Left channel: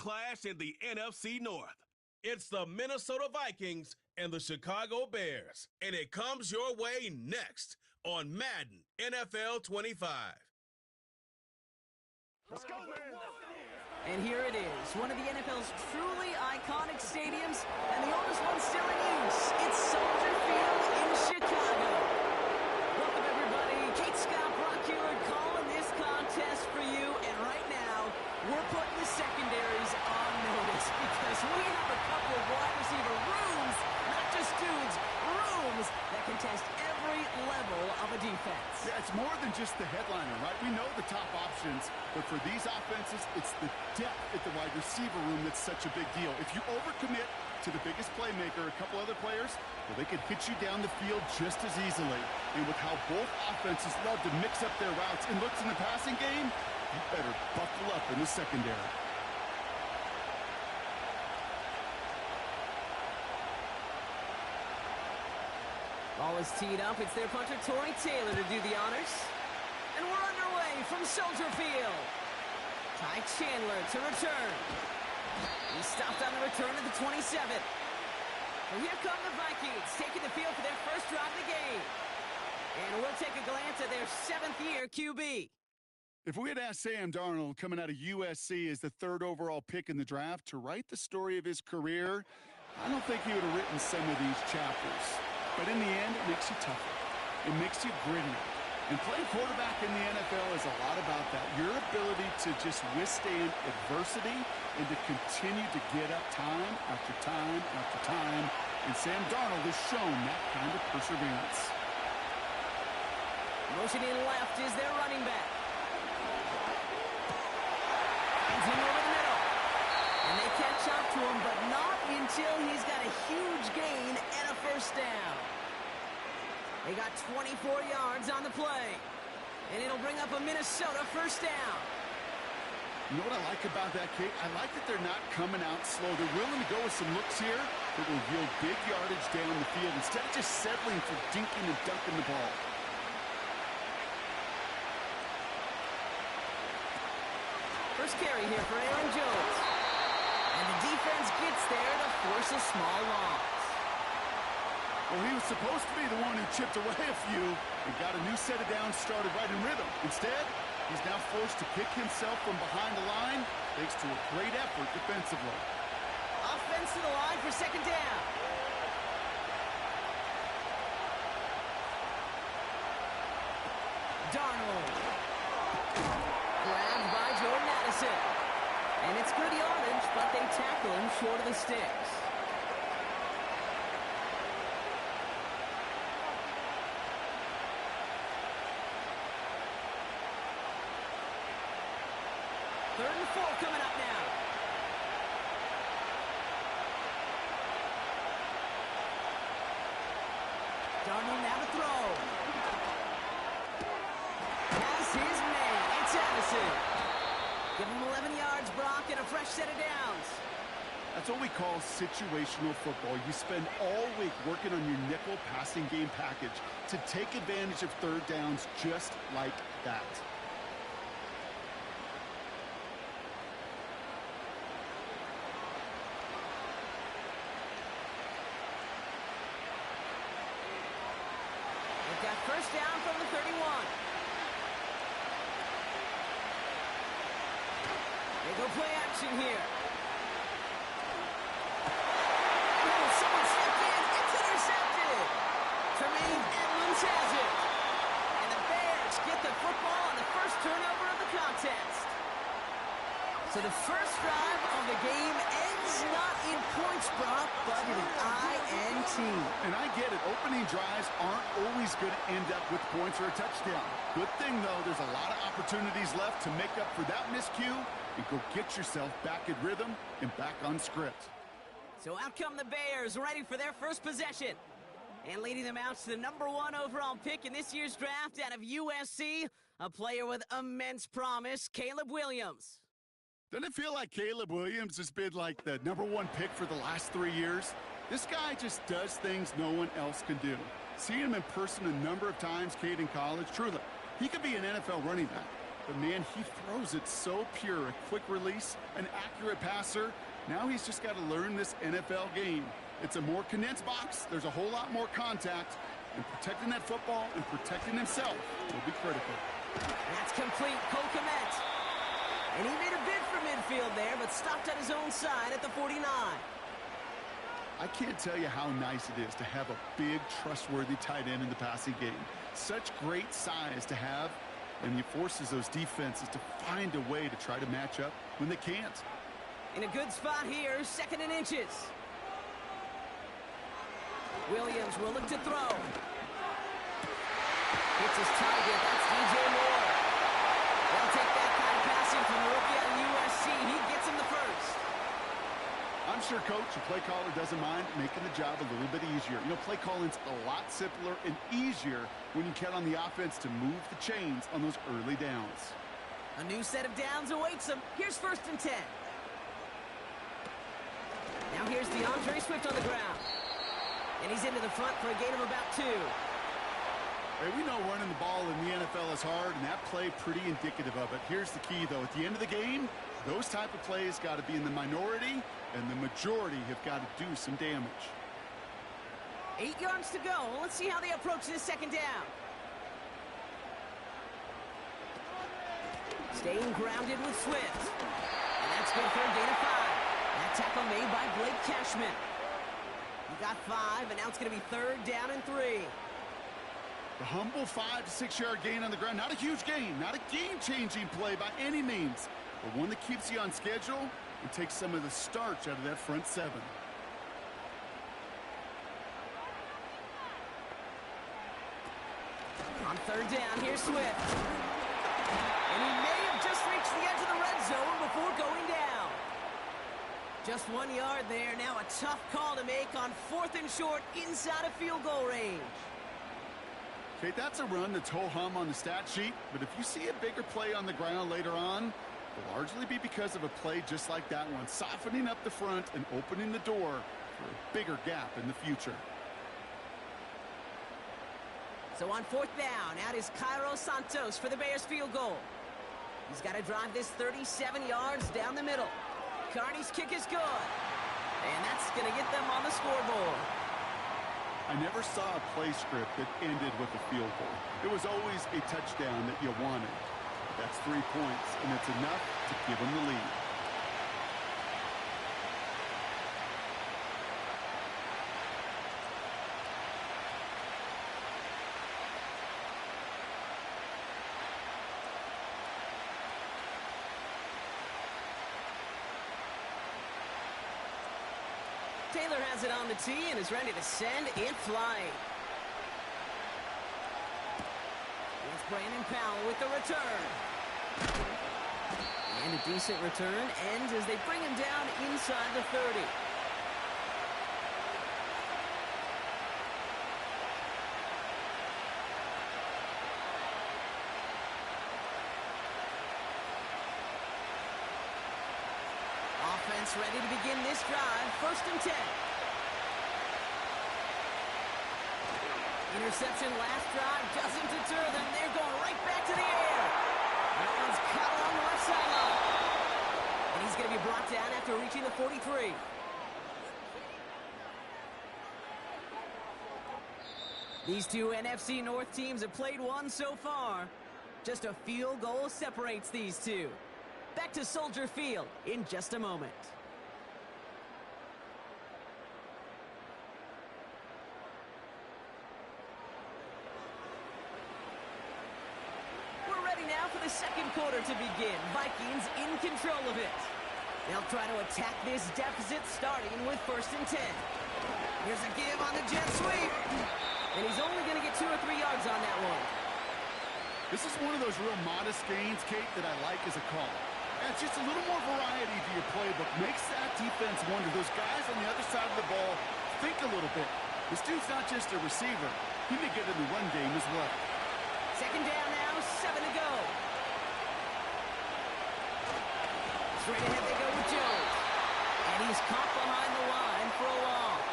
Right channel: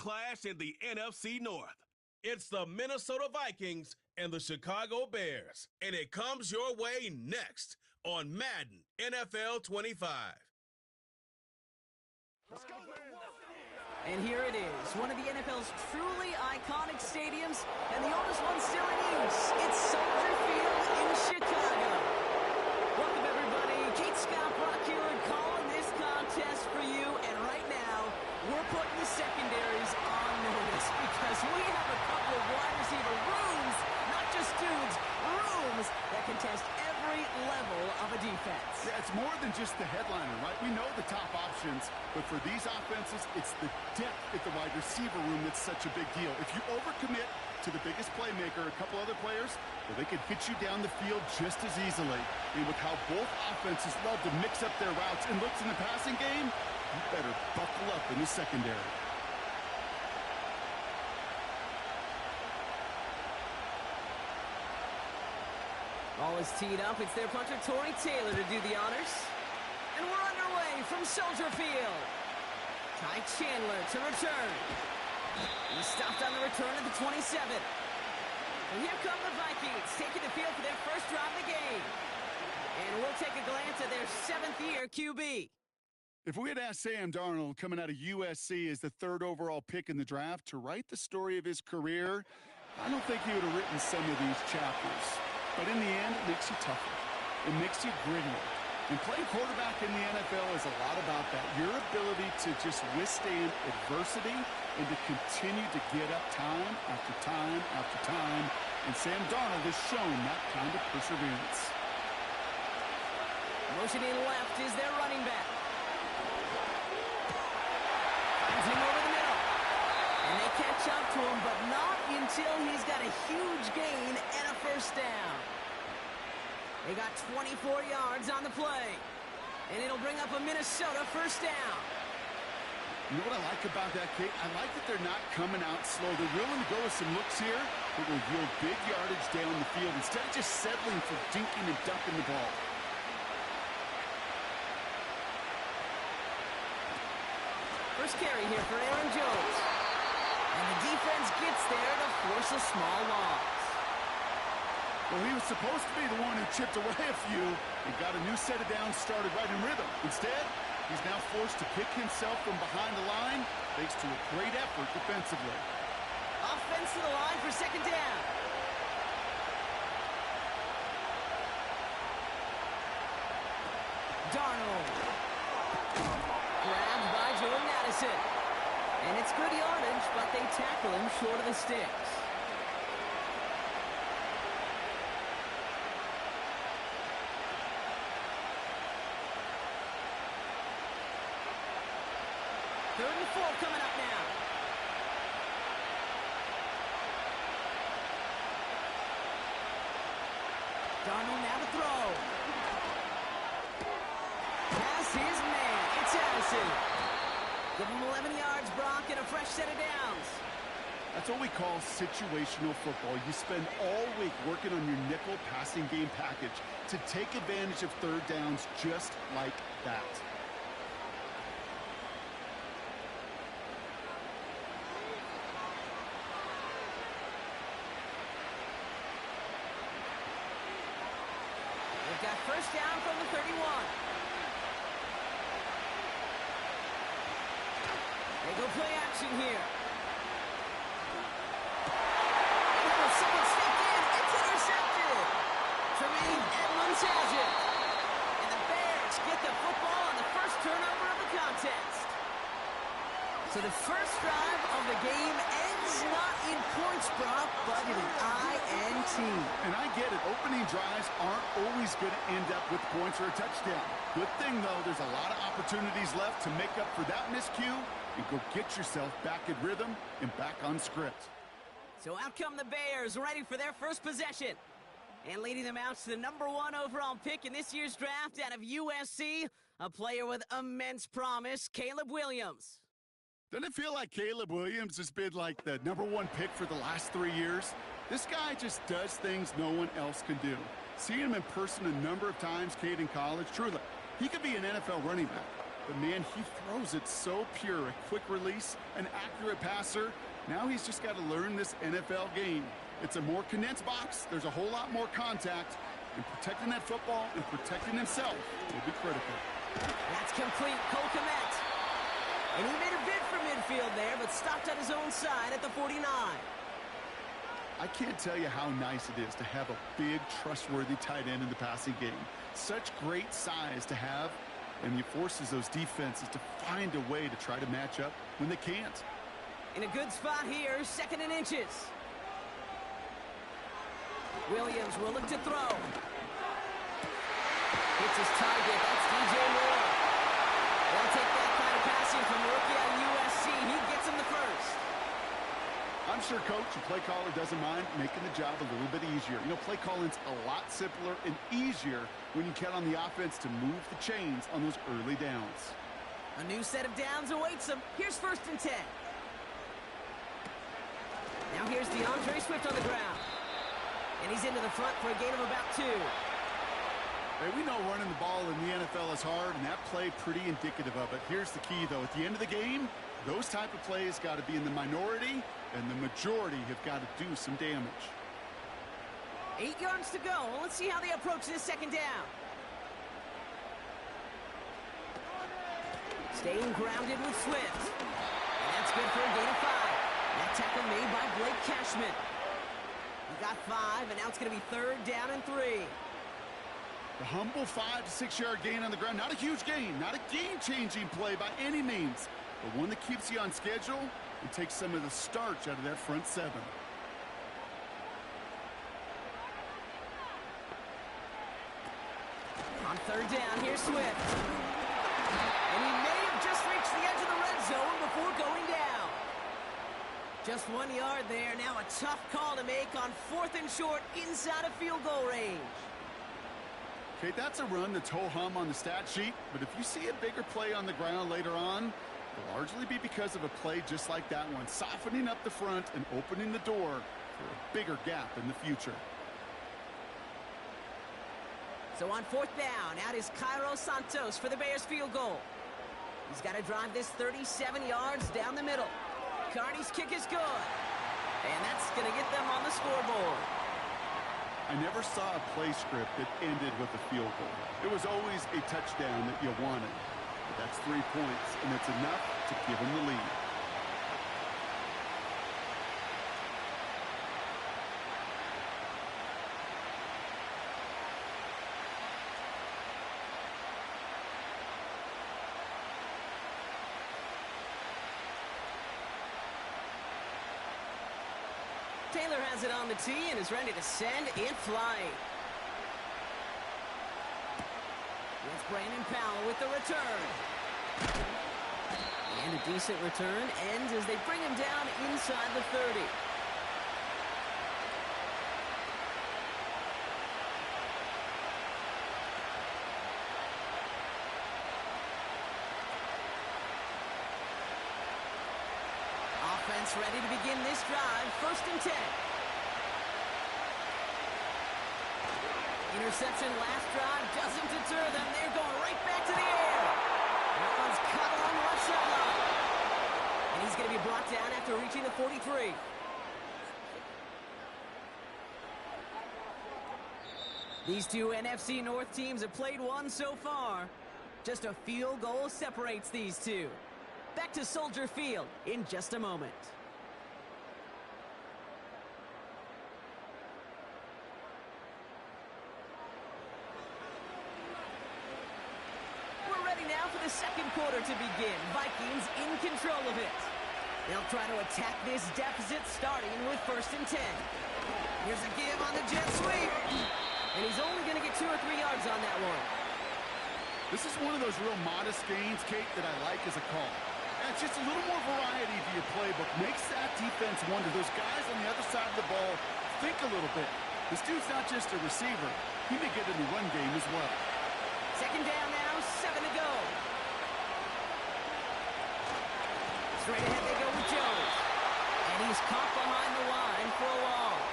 clash in the NFC North. It's the Minnesota Vikings and the Chicago Bears, and it comes your way next on Madden NFL 25. Let's go, man. And here it is, one of the NFL's truly iconic stadiums, and the oldest one still in use. It's Soldier Field in Chicago. Welcome, everybody. Kate Scott, Brock Hewitt calling this contest for you, and right now, we're putting the secondaries on notice because we have a couple of wide receiver rooms, not just dudes, rooms that contest every level of a defense. Yeah, it's more than just the headliner, right? We know the top options, but for these offenses, it's the depth at the wide receiver room that's such a big deal. If you overcommit to the biggest playmaker, a couple other players, well, they could hit you down the field just as easily. And with how both offenses love to mix up their routes and looks in the passing game, you better buckle up in the secondary. Ball is teed up. It's their punter, Torrey Taylor, to do the honors. And we're underway from Soldier Field. Ty Chandler to return. He stopped on the return at the 27. So here come the Vikings, taking the field for their first drive of the game. And we'll take a glance at their seventh-year QB. If we had asked Sam Darnold, coming out of USC as the third overall pick in the draft, to write the story of his career, I don't think he would have written some of these chapters. But in the end, it makes you tougher. It makes you grittier. And playing quarterback in the NFL is a lot about that. Your ability to just withstand adversity and to continue to get up time after time after time. And Sam Darnold has shown that kind of perseverance. Motion in left is their running back. Finds him over the middle. And they catch up to him, but not until he's got a huge gain and a first down. They got 24 yards on the play. And it'll bring up a Minnesota first down. You know what I like about that, Kate? I like that they're not coming out slow. They're willing to go with some looks here that will yield big yardage down the field instead of just settling for dinking and dunking the ball. First carry here for Aaron Jones. And the defense gets there to force a small loss. Well, he was supposed to be the one who chipped away a few and got a new set of downs started right in rhythm. Instead, he's now forced to pick himself from behind the line thanks to a great effort defensively. Offense to the line for second down. Darnold. Grabbed by Jordan Addison. And it's good yardage, but they tackle him short of the sticks. Third and 4 coming up now. Darnold now to throw. Has his man. It's Addison. Give him 11 yards, Brock, and a fresh set of downs. That's what we call situational football. You spend all week working on your nickel passing game package to take advantage of third downs just like that. They've got first down from the 31. They go play action here. Oh, someone stepped in. It's intercepted. Tremaine Edmonds has it. And the Bears get the football on the first turnover of the contest. So the first drive of the game ends not in points, Brock, but in an INT. And I get it. Opening drives aren't always going to end up with points or a touchdown. Good thing, though, there's a lot of opportunities left to make up for that miscue and go get yourself back in rhythm and back on script. So out come the Bears, ready for their first possession. And leading them out to the #1 overall pick in this year's draft out of USC, a player with immense promise, Caleb Williams. Doesn't it feel like Caleb Williams has been like the #1 pick for the last 3 years? This guy just does things no one else can do. Seeing him in person a number of times, Kate, in college, truly, he could be an NFL running back. But, man, he throws it so pure. A quick release, an accurate passer. Now he's just got to learn this NFL game. It's a more condensed box. There's a whole lot more contact. And protecting that football and protecting himself will be critical. That's complete. Cole Kmet. And he made a bid for midfield there, but stopped on his own side at the 49. I can't tell you how nice it is to have a big, trustworthy tight end in the passing game. Such great size to have, and he forces those defenses to find a way to try to match up when they can't. In a good spot here, 2nd and inches. Williams will look to throw. Hits his target. That's DJ Moore. They'll take that kind of passing from the rookie out of USC. He gets him the first. I'm sure coach and play caller doesn't mind making the job a little bit easier. You know, play calling's a lot simpler and easier when you count on the offense to move the chains on those early downs. A new set of downs awaits him. Here's 1st and 10. Now here's DeAndre Swift on the ground. And he's into the front for a gain of about 2. Hey, we know running the ball in the NFL is hard, and that play pretty indicative of it. Here's the key, though. At the end of the game, those type of plays got to be in the minority, and the majority have got to do some damage. 8 yards to go. Let's see how they approach this 2nd down. Staying grounded with Swift. And that's good for a gain of 5. That tackle made by Blake Cashman. He got 5, and now it's going to be 3rd down and 3. The humble 5 to 6 yard gain on the ground. Not a huge gain, not a game-changing play by any means, but one that keeps you on schedule and takes some of the starch out of that front 7. On 3rd down, here's Swift. And he may have just reached the edge of the red zone before going down. Just 1 yard there. Now a tough call to make on 4th and short inside of field goal range. Okay, that's a run that's ho-hum on the stat sheet, but if you see a bigger play on the ground later on, it'll largely be because of a play just like that one, softening up the front and opening the door for a bigger gap in the future. So on 4th down, out is Cairo Santos for the Bears field goal. He's got to drive this 37 yards down the middle. Carney's kick is good. And that's going to get them on the scoreboard. I never saw a play script that ended with a field goal. It was always a touchdown that you wanted. But that's 3 points, and it's enough to give them the lead. Taylor has it on the tee and is ready to send it flying. It's Brandon Powell with the return. And a decent return ends as they bring him down inside the 30. Offense ready to begin this drive. 1st and 10. Interception last drive doesn't deter them. They're going right back to the air. That one's caught along the left sideline. And he's going to be brought down after reaching the 43. These two NFC North teams have played one so far. Just a field goal separates these two. Back to Soldier Field in just a moment. We're ready now for the 2nd quarter to begin. Vikings in control of it. They'll try to attack this deficit starting with 1st and 10. Here's a give on the jet sweep. And he's only going to get 2 or 3 yards on that one. This is one of those real modest gains, Kate, that I like as a call. And it's just a little more variety to your playbook. Makes that defense wonder. Those guys on the other side of the ball think a little bit. This dude's not just a receiver. He may get in the run game as well. 2nd down now, 7 to go. Straight ahead they go with Jones. And he's caught behind the line for a loss.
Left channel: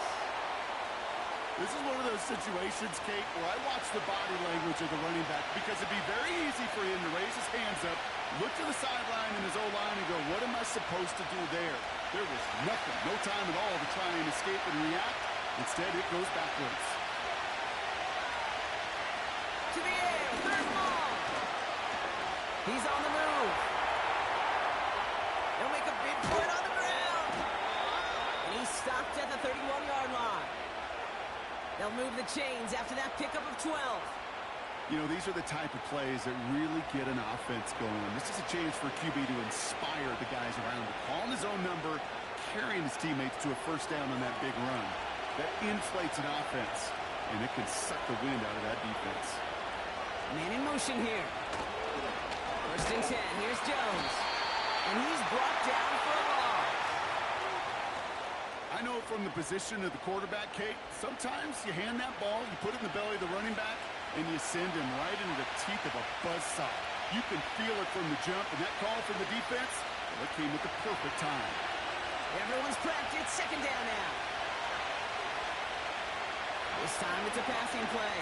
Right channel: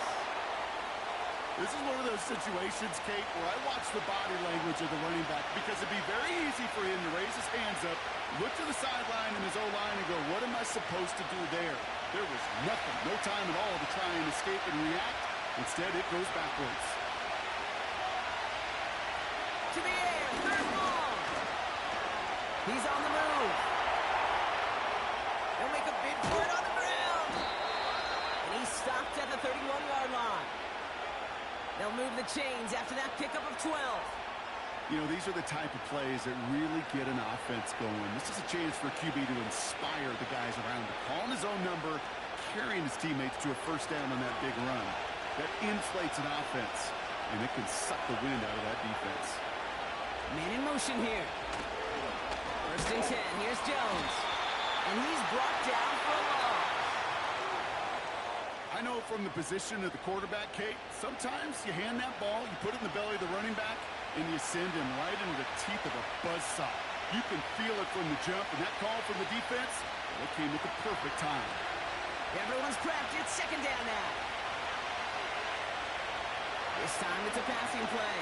This is one of those situations, Kate, where I watch the body language of the running back because it'd be very easy for him to raise his hands up, look to the sideline in his O-line and go, what am I supposed to do there? There was nothing, no time at all to try and escape and react. Instead, it goes backwards. To the air, third and long. He's on the move. He'll make a bid for it on the ground. And he's stopped at the 31-yard line. They'll move the chains after that pickup of 12. You know, these are the type of plays that really get an offense going. This is a chance for QB to inspire the guys around him, calling his own number, carrying his teammates to a first down on that big run. That inflates an offense, and it can suck the wind out of that defense. Man in motion here. First and 10. Here's Jones. And he's brought down for a loss. I know from the position of the quarterback, Kate, sometimes you hand that ball, you put it in the belly of the running back, and you send him right into the teeth of a buzzsaw. You can feel it from the jump, and that call from the defense, well, it came at the perfect time. Everyone's prepped. It's second down now. This time it's a passing play.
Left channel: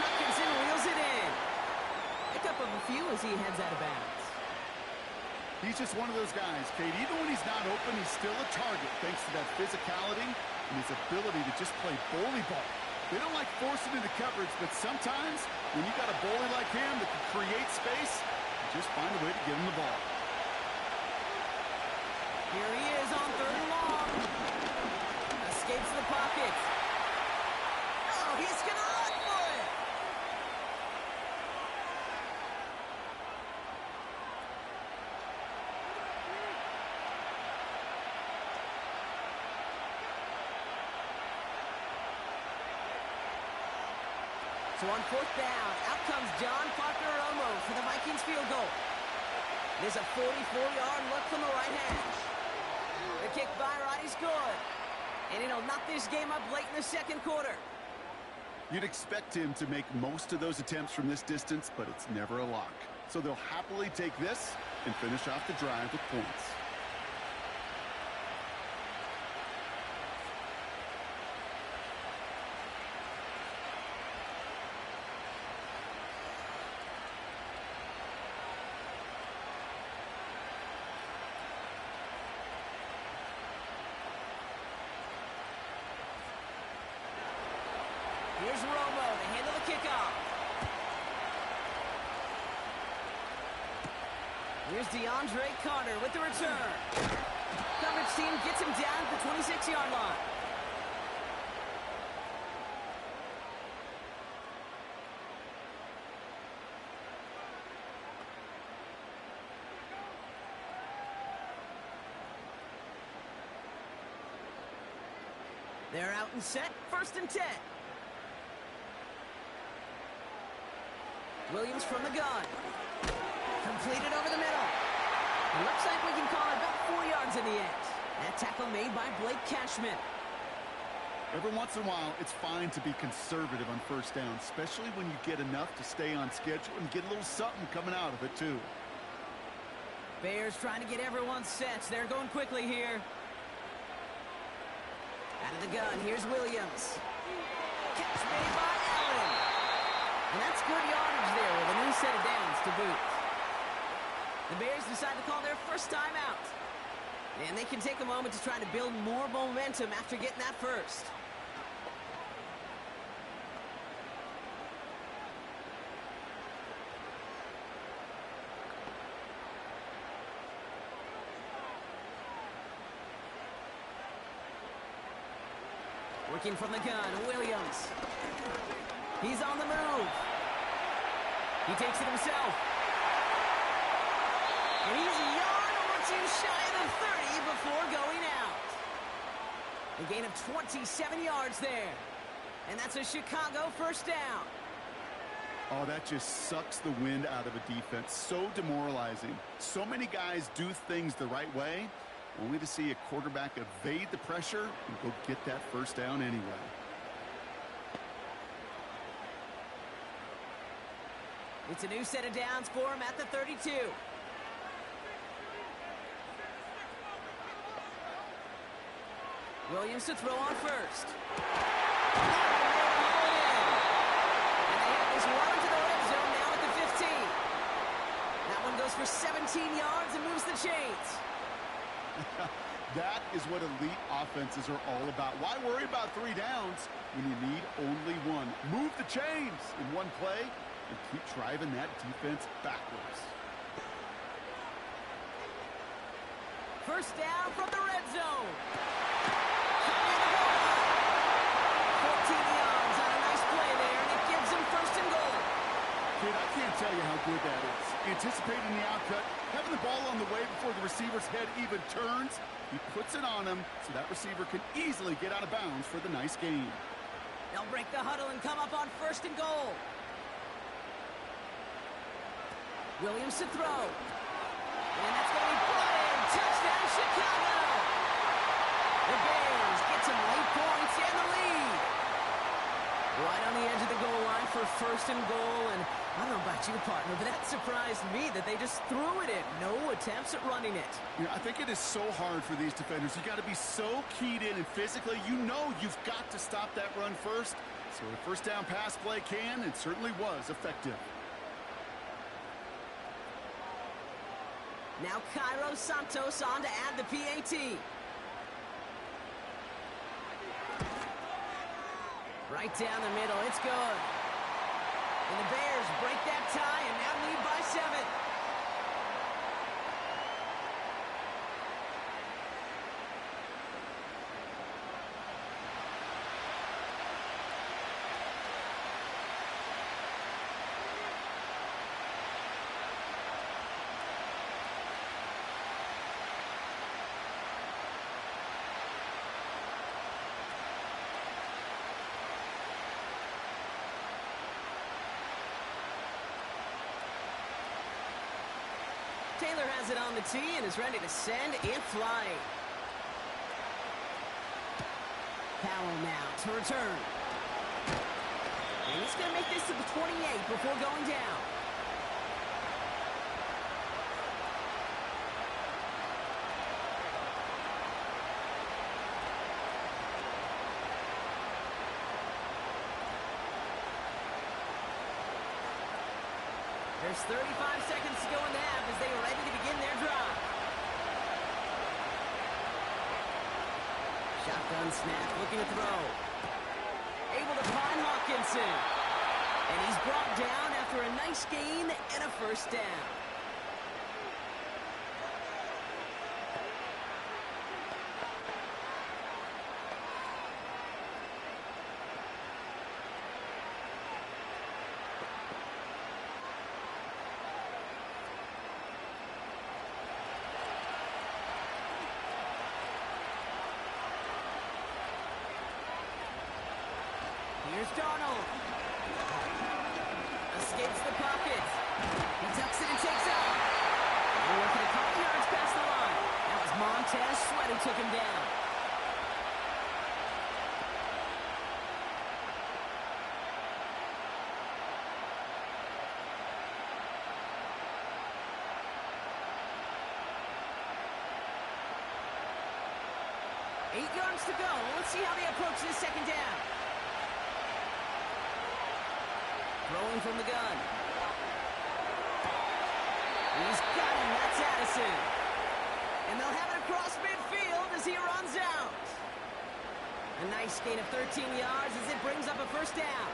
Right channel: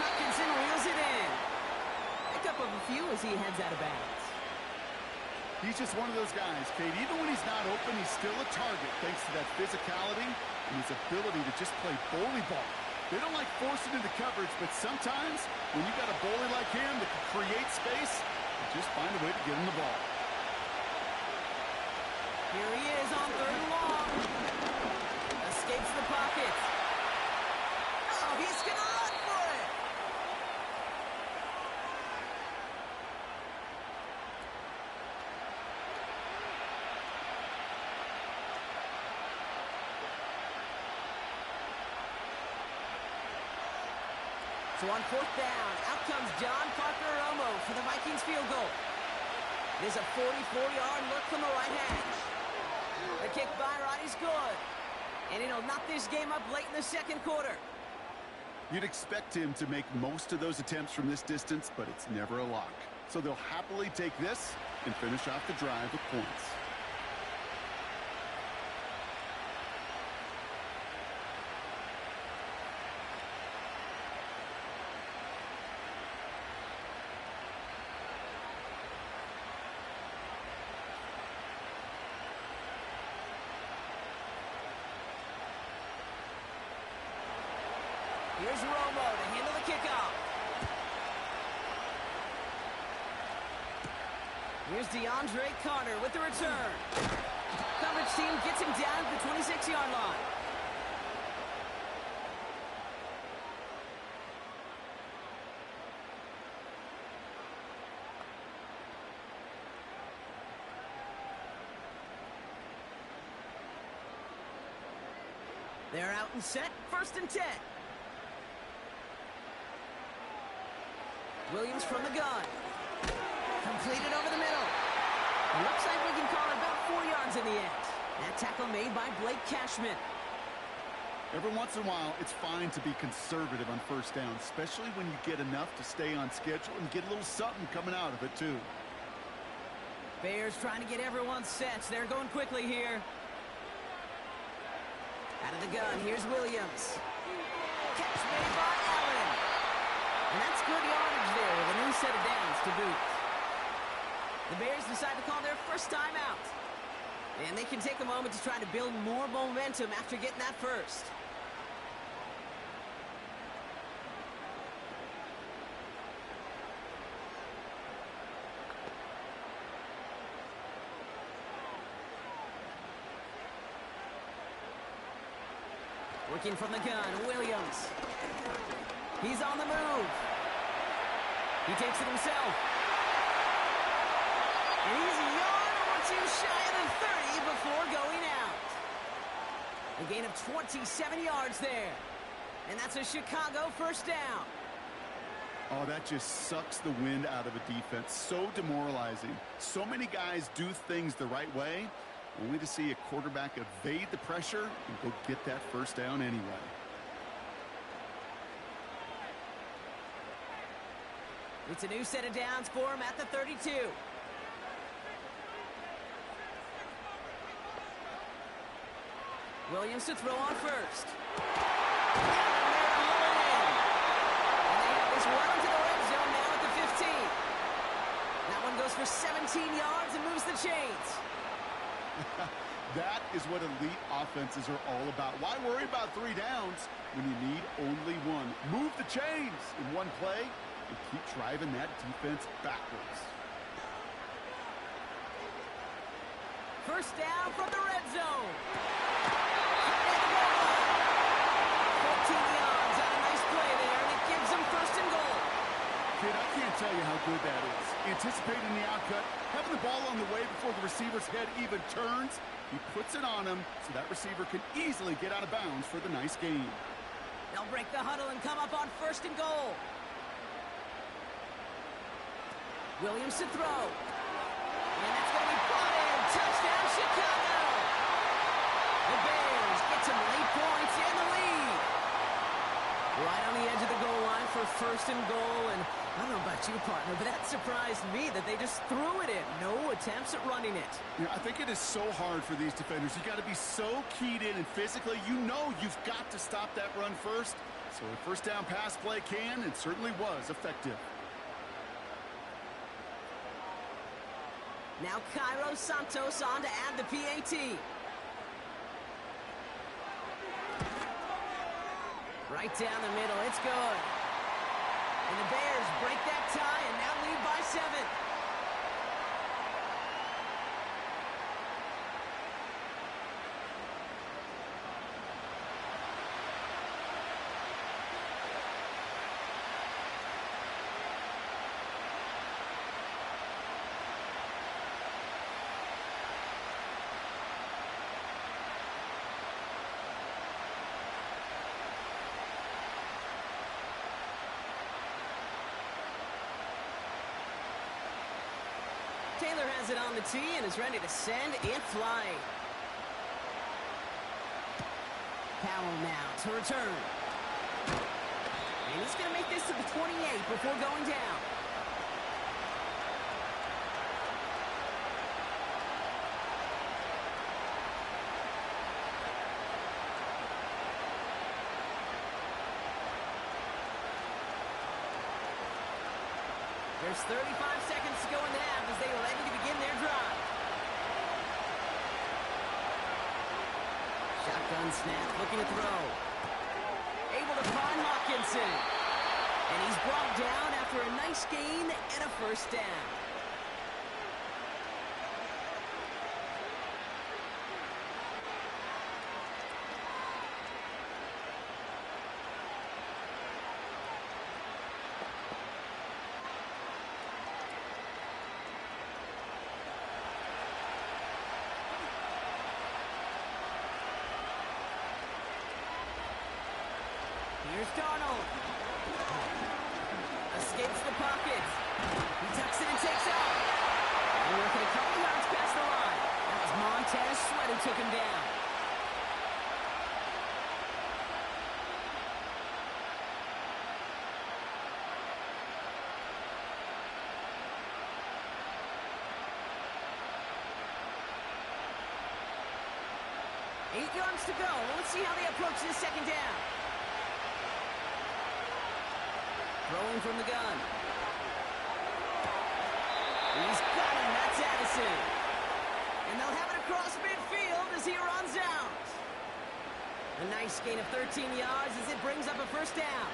Hopkinson reels it in. Pickup of a few as he heads out of bounds. He's just one of those guys, Kate. Even when he's not open, he's still a target thanks to that physicality and his ability to just play bully ball. They don't like forcing into coverage, but sometimes when you got a bully like him that can create space, you just find a way to get him the ball. Here he is on third and long. Escapes the pocket. Oh, he's going to run for it. So on fourth down, out comes John Parker-Romo for the Vikings field goal. There's a 44-yard look from the right hash. The kick by Roddy's good. And it'll knock this game up late in the second quarter. You'd expect him to make most of those attempts from this distance, but it's never a lock. So they'll happily take this and finish off the drive with points. Here's Romo to handle the kickoff. Here's DeAndre Carter with the return. Coverage team gets him down at the 26-yard line. They're out and set, first and 10. Williams from the gun. Completed over the middle. It looks like we can call it about 4 yards in the end. That tackle made by Blake Cashman. Every once in a while, it's fine to be conservative on first down, especially when you get enough to stay on schedule and get a little something coming out of it, too. Bears trying to get everyone set. They're going quickly here. Out of the gun, here's Williams. Catch made by Allen. And that's good yardage there with a new set of downs to boot. The Bears decide to call their first timeout. And they can take a moment to try to build more momentum after getting that first. Working from the gun, Williams. He's on the move. He takes it himself. And he's a yard or two shy of the 30 before going out. A gain of 27 yards there. And that's a Chicago first down. Oh, that just sucks the wind out of a defense. So demoralizing. So many guys do things the right way, only to see a quarterback evade the pressure and go get that first down anyway. It's a new set of downs for him at the 32. Williams to throw on first. there to haul it in. And they have this well into the red zone now at the 15. That one goes for 17 yards and moves the chains. That is what elite offenses are all about. Why worry about 3 downs when you need only one? Move the chains in one play and keep driving that defense backwards. First down from the red zone. And the goal line. 14 yards on a nice play there, and it gives them first and goal. Kid, I can't tell you how good that is. Anticipating the outcut, having the ball on the way before the receiver's head even turns. He puts it on him so that receiver can easily get out of bounds for the nice gain. They'll break the huddle and come up on first and goal. Williams to throw. And that's going to be brought in. Touchdown, Chicago. The Bears get some late points in the lead. Right on the edge of the goal line for first and goal. And I don't know about you, partner, but that surprised me that they just threw it in. No attempts at running it. Yeah, I think it is so hard for these defenders. You got to be so keyed in and physically, you know you've got to stop that run first. So a first down pass play can and certainly was effective. Now Cairo Santos on to add the PAT. Right down the middle, it's good. And the Bears break that tie and now lead by 7. Taylor has it on the tee and is ready to send it flying. Powell now to return. And he's going to make this to the 28 before going down. There's 35 seconds to go in the half as they are ready to begin their drive. Shotgun snap, looking to throw. Able to find Hawkinson. And he's brought down after a nice gain and a first down. Here's Darnold. Escapes the pocket. He tucks it and takes off. They're working a couple yards past the line. That was Montez Sweat who took him down. Eight yards to go. Let's see how they approach this second down. Throwing from the gun. He's got him. That's Addison. And they'll have it across midfield as he runs out. A nice gain of 13 yards as it brings up a first down.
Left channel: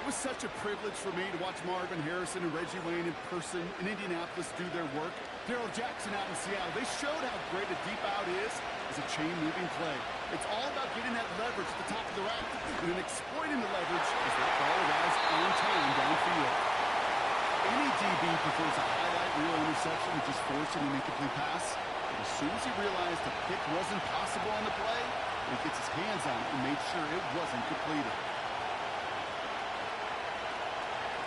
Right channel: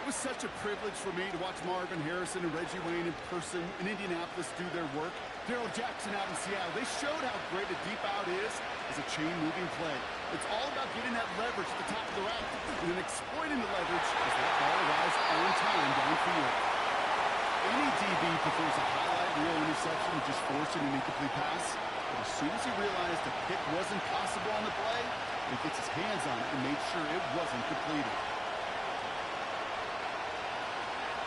It was such a privilege for me to watch Marvin Harrison and Reggie Wayne in person in Indianapolis do their work. Darrell Jackson out in Seattle. They showed how great a deep out is as a chain-moving play. It's all about getting that leverage at the top of the route and then exploiting the leverage as that ball arrives on time downfield. Any DB prefers a highlight reel interception to just forcing an incomplete pass. But as soon as he realized a pick wasn't possible on the play, he gets his hands on it and made sure it wasn't completed.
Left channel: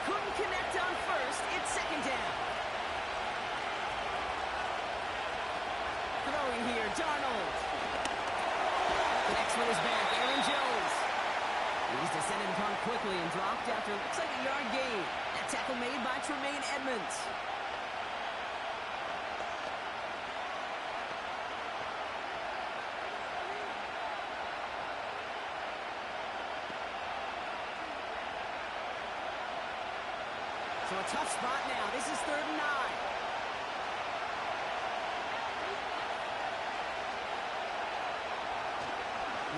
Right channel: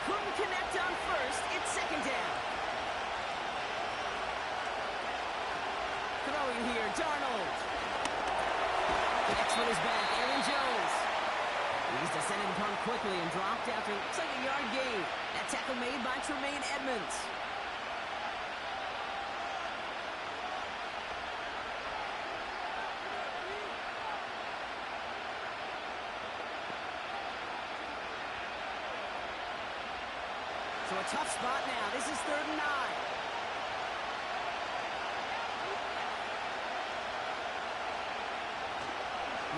Couldn't connect on first. It's second down. Throwing here, Darnold. Connects with his back, Aaron Jones. He's descended upon quickly and dropped after looks like a yard gain. That tackle made by Tremaine Edmonds. a tough spot now. This is 3rd and 9.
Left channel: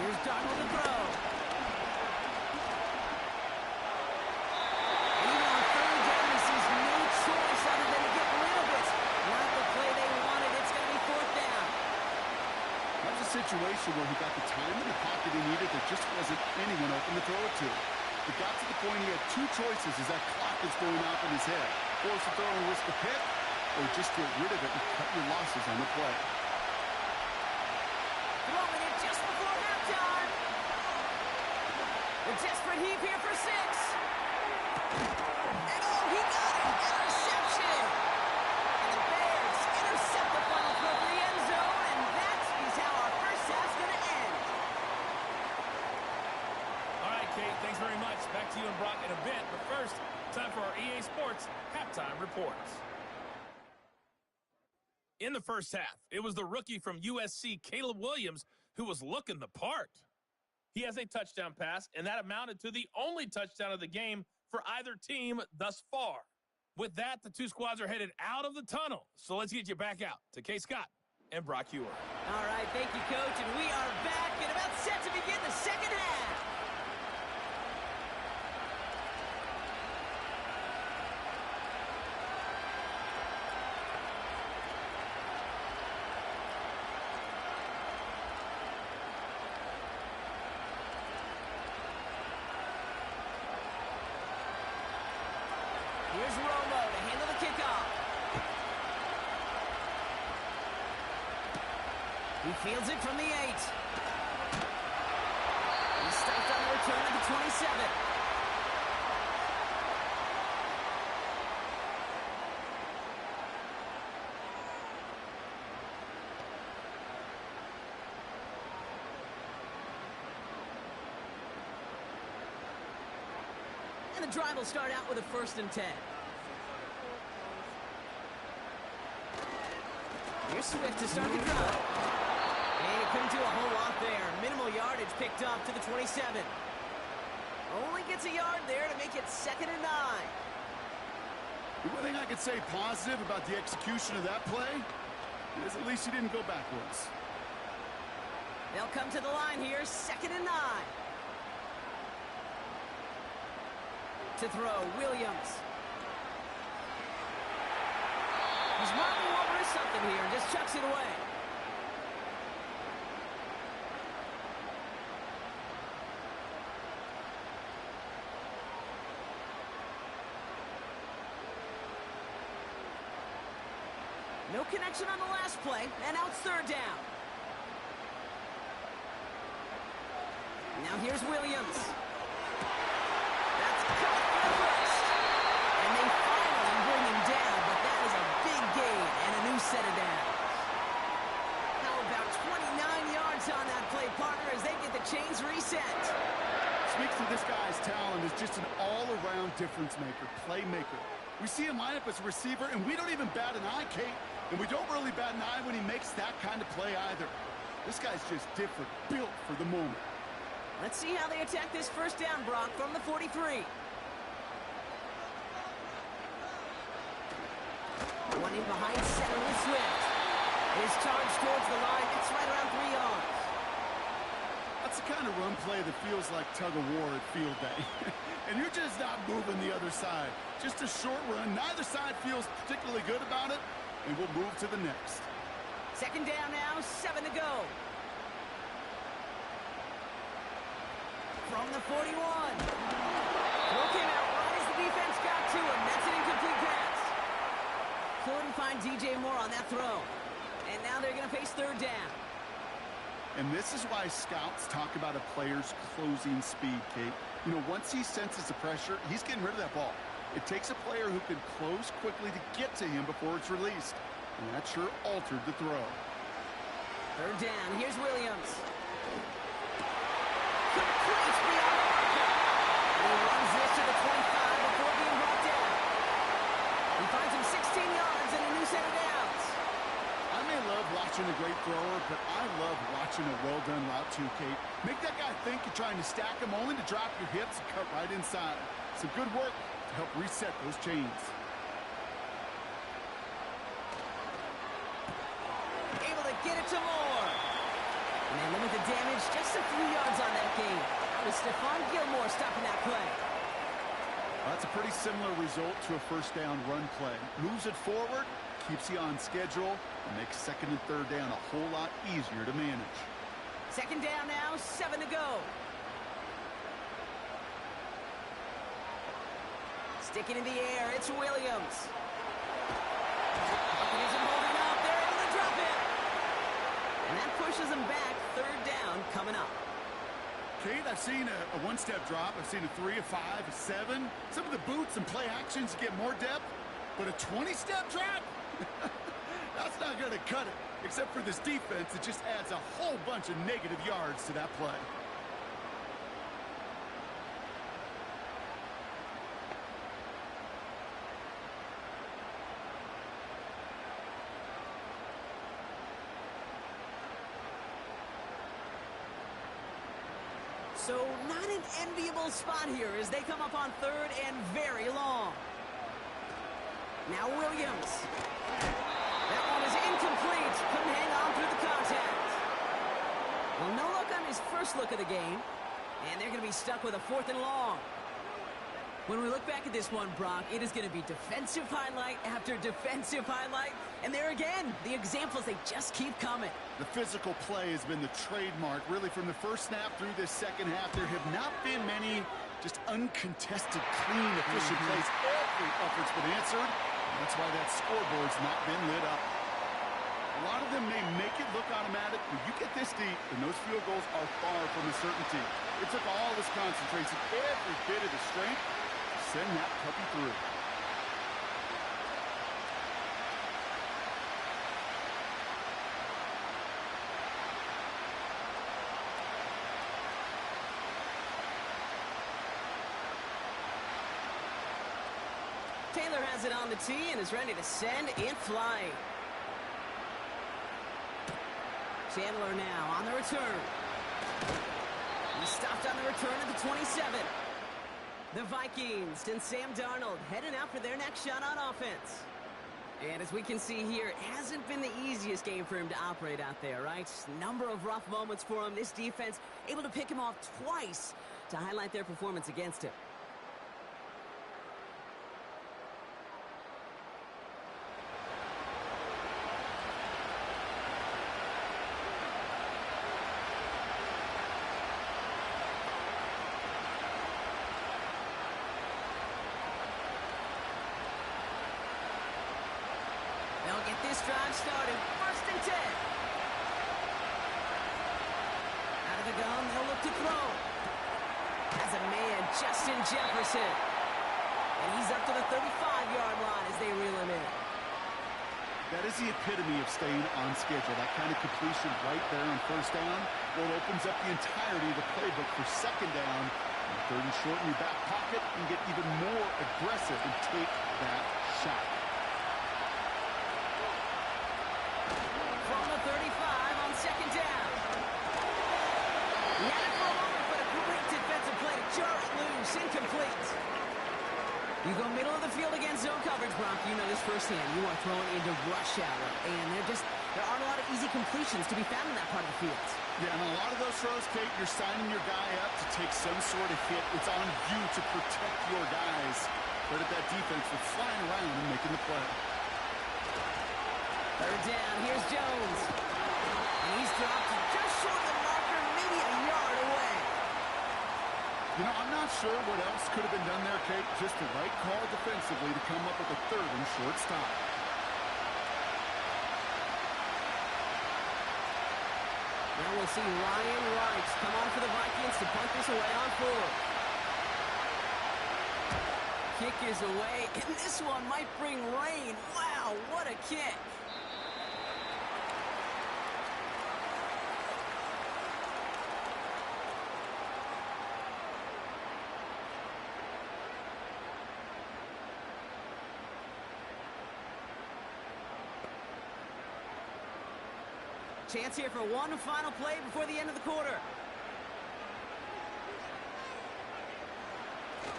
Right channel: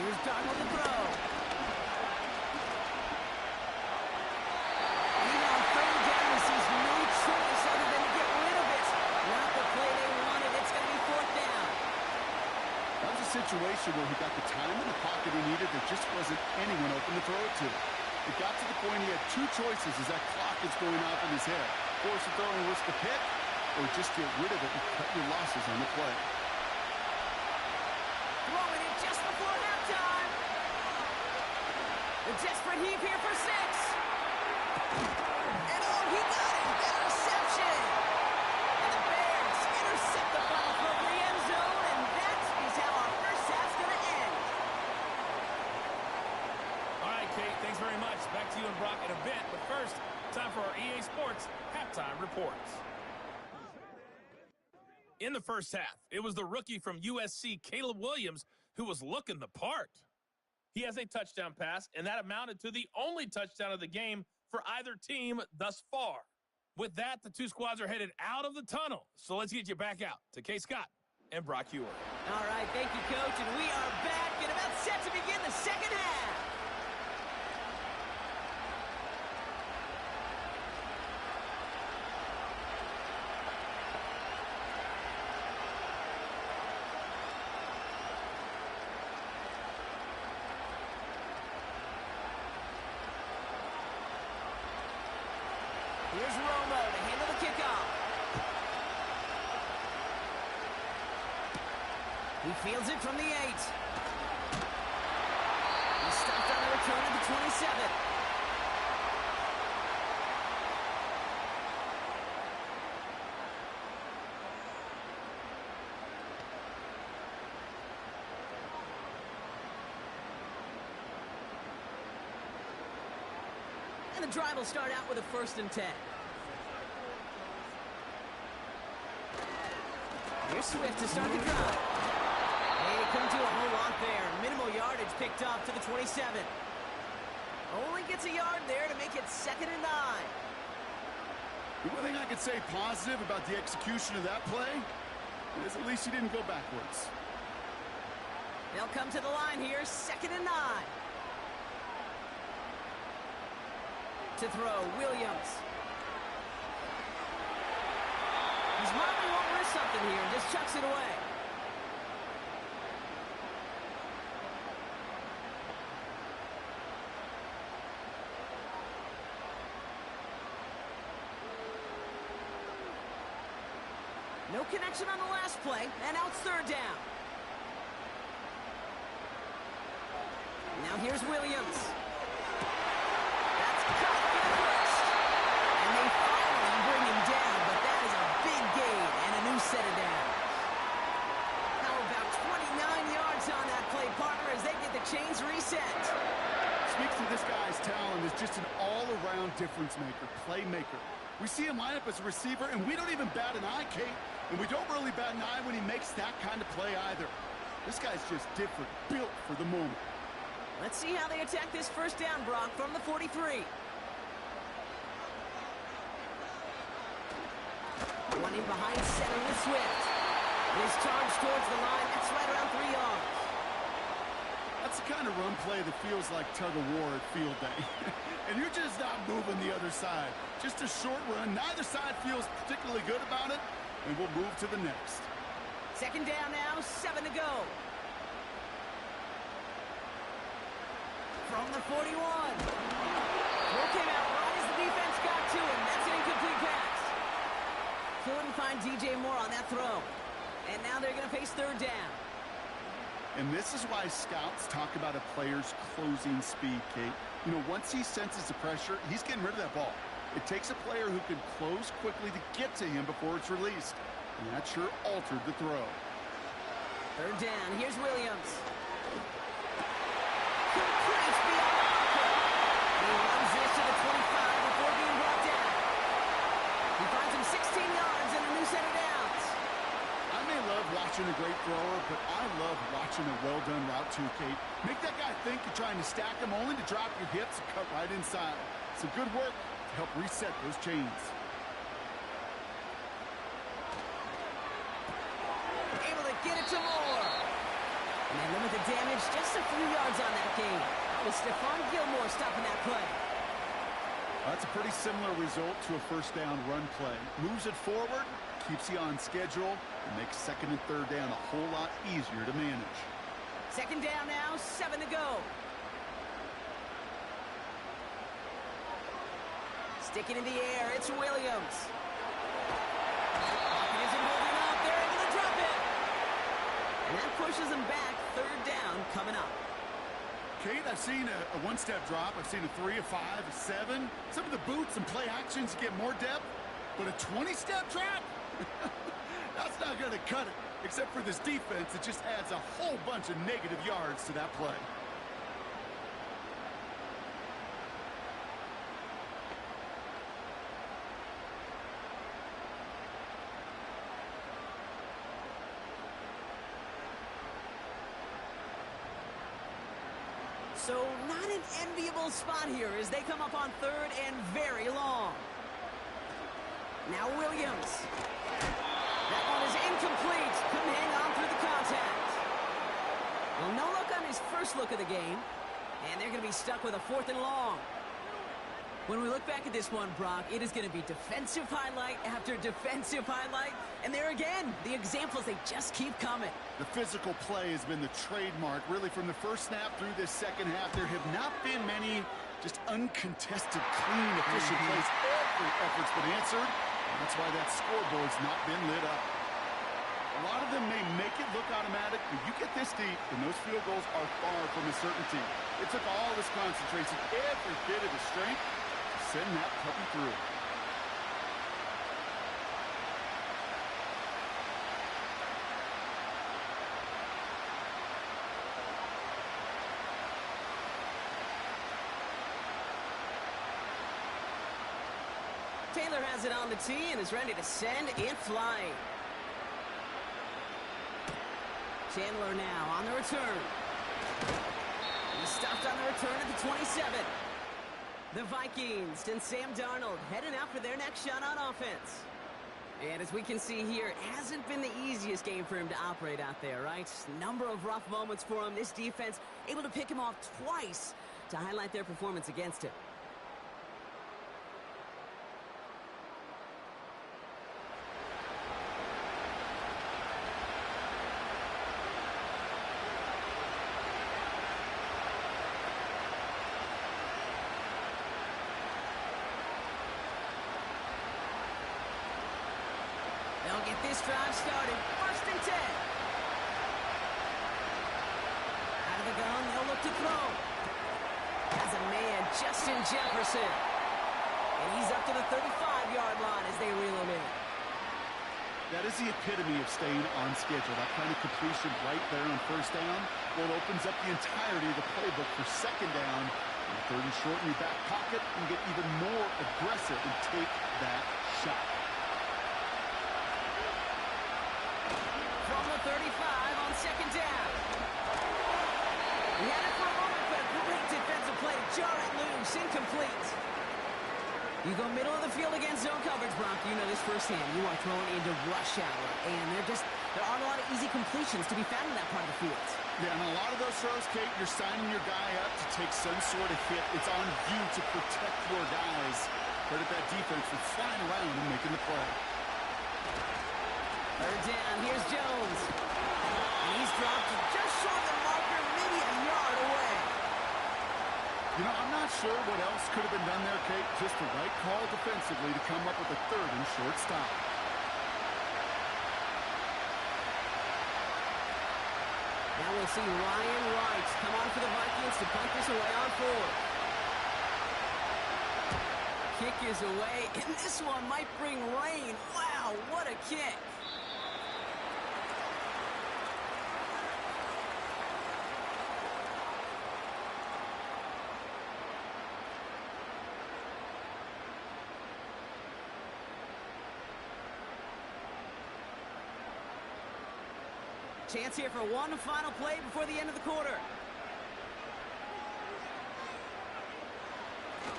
Here's Darnold to throw. And even on 3rd down, he sees no choice other than to get rid of it. Not the play they wanted. It's going to be 4th down. That was a situation where he got the time in the pocket he needed. There just wasn't anyone open to throw it to. It got to the point he had 2 choices as that clock is going off in his head. Force a throw and risk a pick, or just get rid of it and cut your losses on the play. Throwing it just before halftime. A desperate heave here for 6. And oh, he got it. Interception. And the Bears intercept the final throw for the end zone, and that is how our first half's going to end. All right, Kate, thanks very much. Back to you and Brock in a bit. But first, time for our EA Sports halftime reports. In the first half, it was the rookie from USC, Caleb Williams, who was looking the part. He has a touchdown pass, and that amounted to the only touchdown of the game for either team thus far. With that, the 2 squads are headed out of the tunnel. So let's get you back out to Kay Scott and Brock Huer. All right, thank you, Coach. And we are back and about set to begin the second half. Here's Romo to handle the kickoff. He fields it from the 8. He's stopped on the return at the 27. And the drive will start out with a 1st and 10. Here's Swift to start the drive. And he couldn't do a whole lot there. Minimal yardage picked up to the 27. Only gets a yard there to make it 2nd and 9. The one thing I could say positive about the execution of that play is at least he didn't go backwards. They'll come to the line here, 2nd and 9. To throw, Williams. He's marking won't risk something here and just chucks it away. No connection on the last play, and now it's 3rd down. Now here's Williams. That's cut for the 1st. And they finally bring him down, but that is a big gain and a new set of downs. How about 29 yards on that play, partner, as they get the chains reset. Speaks to this guy's talent as just an all-around difference maker, playmaker. We see him line up as a receiver, and we don't even bat an eye, Kate. And we don't really bat an eye when he makes that kind of play either. This guy's just different, built for the moment. Let's see how they attack this 1st down, Brock, from the 43. One in behind center with Swift. His charge towards the line, that's right around 3 yards. That's the kind of run play that feels like tug-of-war at field day. And you're just not moving the other side. Just a short run. Neither side feels particularly good about it, and we'll move to the next. 2nd down now, 7 to go. From the 41. Throw came out right as the defense got to him. That's an incomplete pass. Couldn't find DJ Moore on that throw. And now they're going to face 3rd down. And this is why scouts talk about a player's closing speed, Kate. You know, once he senses the pressure, he's getting rid of that ball. It takes a player who can close quickly to get to him before it's released. And that sure altered the throw. 3rd down. Here's Williams. Complete beyond the marker. He runs this to the 25 before being brought down. He finds him 16 yards and a new set of downs. I may love watching a great thrower, but I love watching a well-done route too, Kate. Make that guy think you're trying to stack him only to drop your hips and cut right inside. Some good work. to help reset those chains. Able to get it to Moore. And they limit the damage just a few yards on that game. That was Stephon Gilmore stopping that play. That's a pretty similar result to a first down run play. Moves it forward, keeps you on schedule, and makes second and third down a whole lot easier to manage. Second down now, 7 to go. Sticking in the air, it's Williams. Pocket isn't holding up, they're able to drop it. And that pushes them back, third down coming up. Kate, I've seen a one-step drop. I've seen a 3, a 5, a 7. Some of the boots and play actions get more depth, but a 20-step drop? That's not going to cut it. Except for this defense, it just adds a whole bunch of negative yards to that play. So not an enviable spot here as they come up on third and very long. Now Williams. That one is incomplete. Couldn't hang on through the contact. Well, no luck on his first look of the game. And they're going to be stuck with a 4th and long. When we look back at this one, Brock, it is going to be defensive highlight after defensive highlight. And there again, the examples, they just keep coming. The physical play has been the trademark. Really, from the first snap through this second half, there have not been many just uncontested, clean, efficient plays. Every effort's been answered. And that's why that scoreboard's not been lit up. A lot of them may make it look automatic, but you get this deep, and those field goals are far from a certainty. It took all this concentration, every bit of the strength, to send that puppy through. Taylor has it on the tee and is ready to send it flying. Chandler now on the return. He stopped on the return at the 27. The Vikings and Sam Darnold heading out for their next shot on offense. And as we can see here, it hasn't been the easiest game for him to operate out there, right? Number of rough moments for him. This defense able to pick him off twice to highlight their performance against him. They'll get this drive started. 1st and 10. Out of the gun, they'll look to throw. Has a man, Justin Jefferson. And he's up to the 35-yard line as they reel him in. That is the epitome of staying on schedule. That kind of completion right there on first down, well, it opens up the entirety of the playbook for second down. And 3rd and short in your back pocket, you can get even more aggressive and take that shot. From the 35 on second down. He had it for a moment, but a great defensive play to jar it loose. Incomplete. You go middle of the field against zone coverage, Brock. You know this firsthand. You are throwing into rush hour, and there aren't a lot of easy completions to be found in that part of the field. Yeah, and a lot of those throws, Kate, you're signing your guy up to take some sort of hit. It's on you to protect your guys. Credit that defense for flying around and making the play. 3rd down, here's Jones. And he's dropped just short of the marker, maybe a yard away. You know, I'm not sure what else could have been done there, Kate. Just the right call defensively to come up with a 3rd and short stop. Now we'll see Ryan Wright come on for the Vikings to punt this away on 4th. Kick is away, and this one might bring rain. Wow, what a kick. Chance here for one final play before the end of the quarter.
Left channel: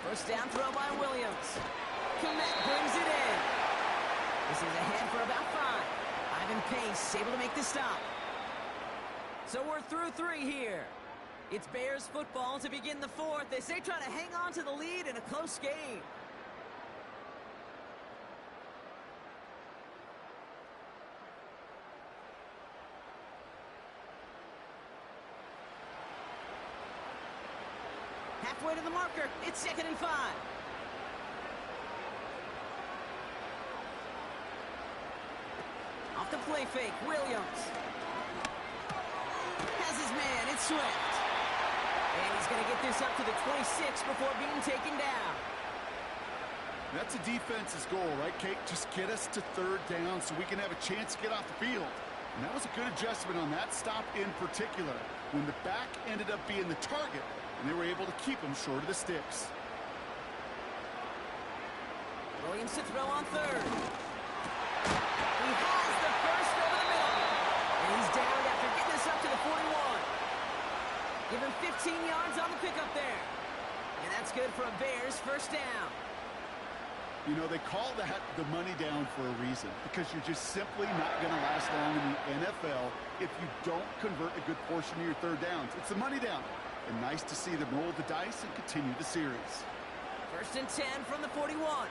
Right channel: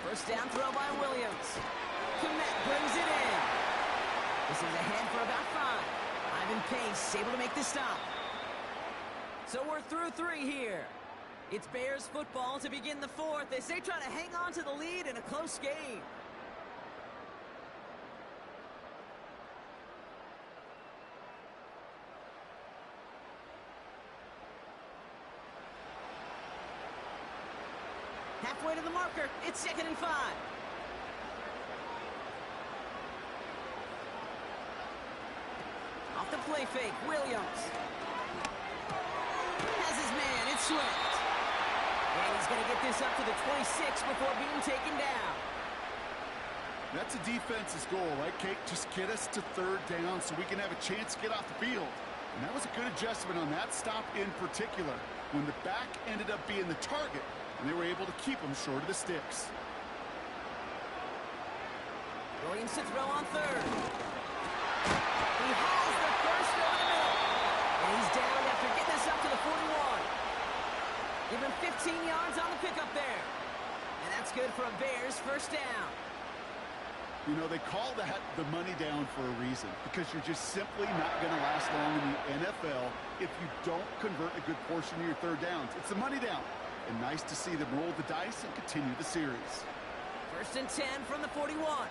First down throw by Williams. Komet brings it in. This is ahead for about 5. Ivan Pace able to make the stop. So we're through 3 here. It's Bears football to begin the 4th as they try to hang on to the lead in a close game. Halfway to the marker, it's 2nd and 5. Off the play fake, Williams. Has his man, it's Swift. And he's going to get this up to the 26 before being taken down. That's a defense's goal, right, Kate? Just get us to 3rd down so we can have a chance to get off the field. And that was a good adjustment on that stop in particular, when the back ended up being the target, and they were able to keep him short of the sticks. Williams to throw on 3rd. He has the first over the middle. And he's down after getting this up to the 41. Give him 15 yards on the pickup there. And that's good for a Bears first down. You know, they call that the money down for a reason, because you're just simply not going to last long in the NFL if you don't convert a good portion of your 3rd downs. It's the money down. And nice to see them roll the dice and continue the series. 1st and 10 from the 41.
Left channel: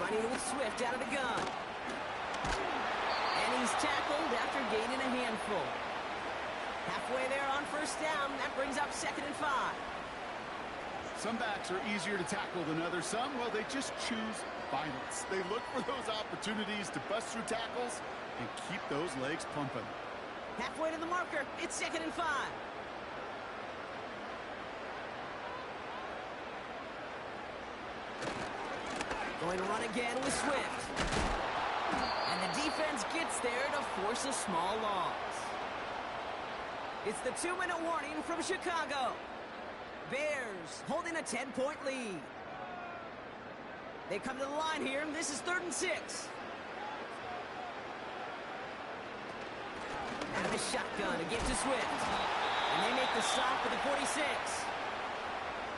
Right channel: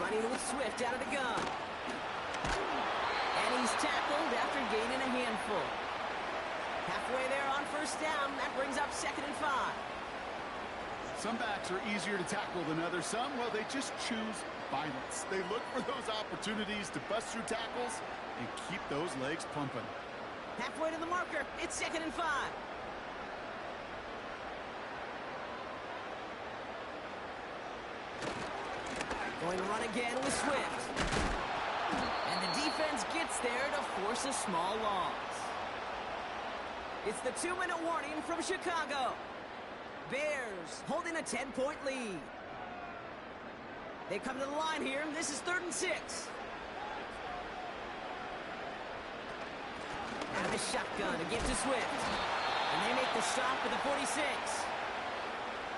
Running with Swift out of the gun. And he's tackled after gaining a handful. Halfway there on 1st down. That brings up 2nd and 5. Some backs are easier to tackle than others. Some, well, they just choose violence. They look for those opportunities to bust through tackles and keep those legs pumping. Halfway to the marker. It's 2nd and 5. Going to run again with Swift. And the defense gets there to force a small loss. It's the 2-minute warning from Chicago. Bears holding a 10-point lead. They come to the line here. This is 3rd and 6. Out of the shotgun to give to Swift. And they make the stop for the 46.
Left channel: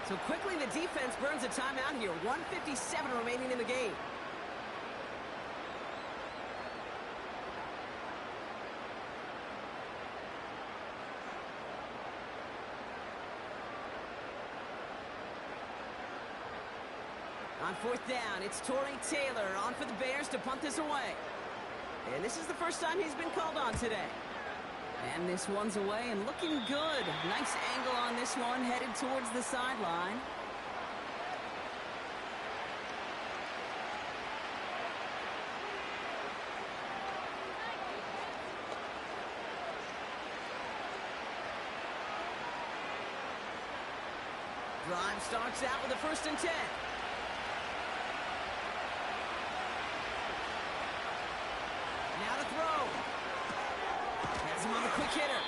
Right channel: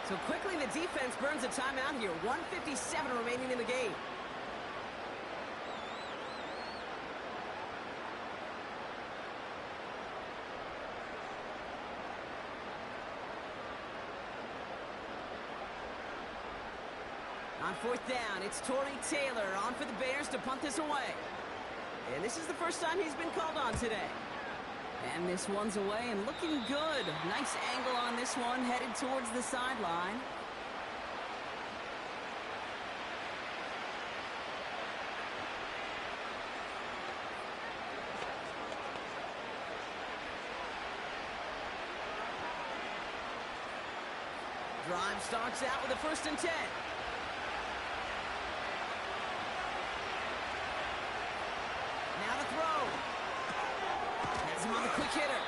So quickly the defense burns a timeout here. 1:57 remaining in the game. On 4th down, it's Torrey Taylor on for the Bears to punt this away. And this is the first time he's been called on today. And this one's away and looking good. Nice angle on this one, headed towards the sideline. Drive starts out with a 1st and 10. Now to throw. Has him on the quick hitter.